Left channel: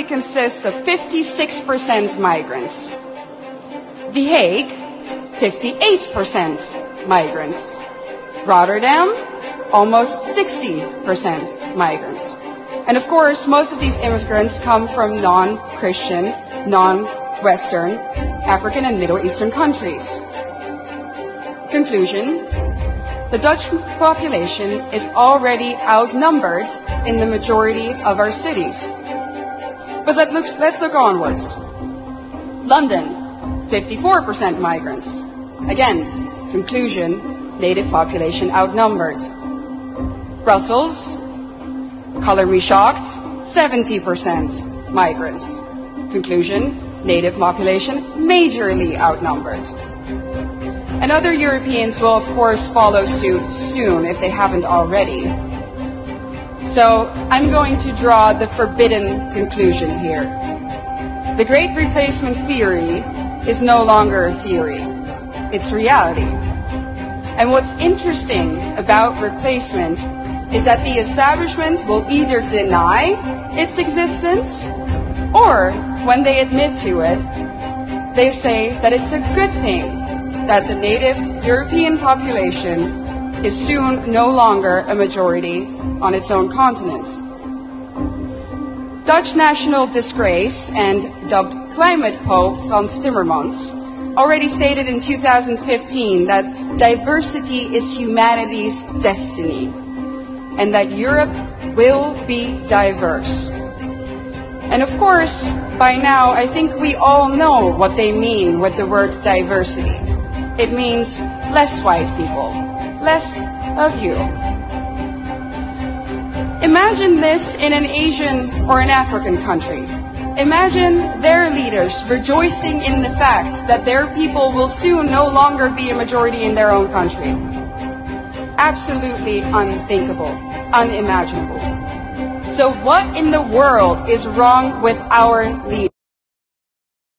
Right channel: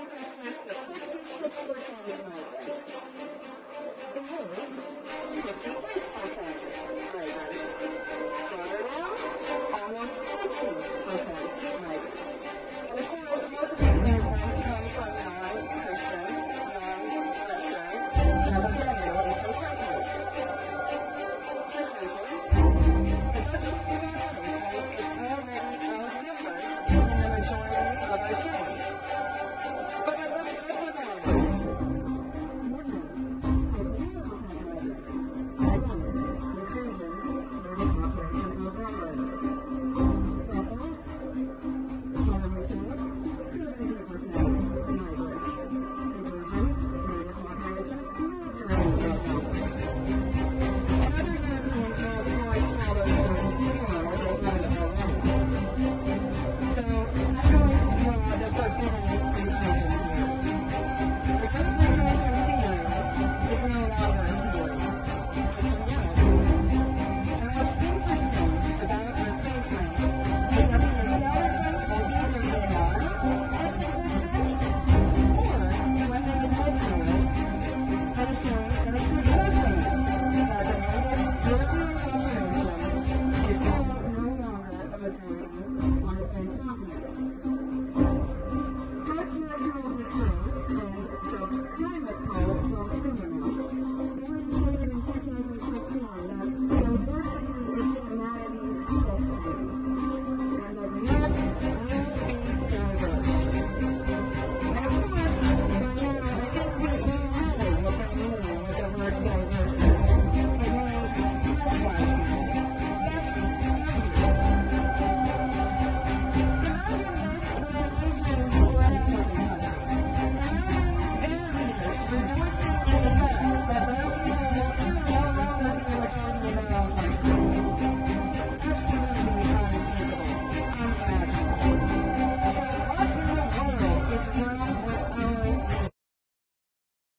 currently consists of 56% migrants. The Hague, 58% migrants. Rotterdam, almost 60% migrants. And of course, most of these immigrants come from non-Christian, non-Western, African and Middle Eastern countries. Conclusion: the Dutch population is already outnumbered in the majority of our cities. But let's look onwards. London, 54% migrants. Again, conclusion, native population outnumbered. Brussels, color me shocked, 70% migrants. Conclusion, native population majorly outnumbered. And other Europeans will of course follow suit soon if they haven't already. So I'm going to draw the forbidden conclusion here. The Great Replacement theory is no longer a theory, it's reality. And what's interesting about replacement is that the establishment will either deny its existence, or when they admit to it, they say that it's a good thing that the native European population is soon no longer a majority on its own continent. Dutch national disgrace and dubbed climate pope Frans Timmermans already stated in 2015 that diversity is humanity's destiny and that Europe will be diverse. And of course, by now, I think we all know what they mean with the word diversity. It means less white people, less of you. Imagine this in an Asian or an African country. Imagine their leaders rejoicing in the fact that their people will soon no longer be a majority in their own country. Absolutely unthinkable, unimaginable. So what in the world is wrong with our leaders?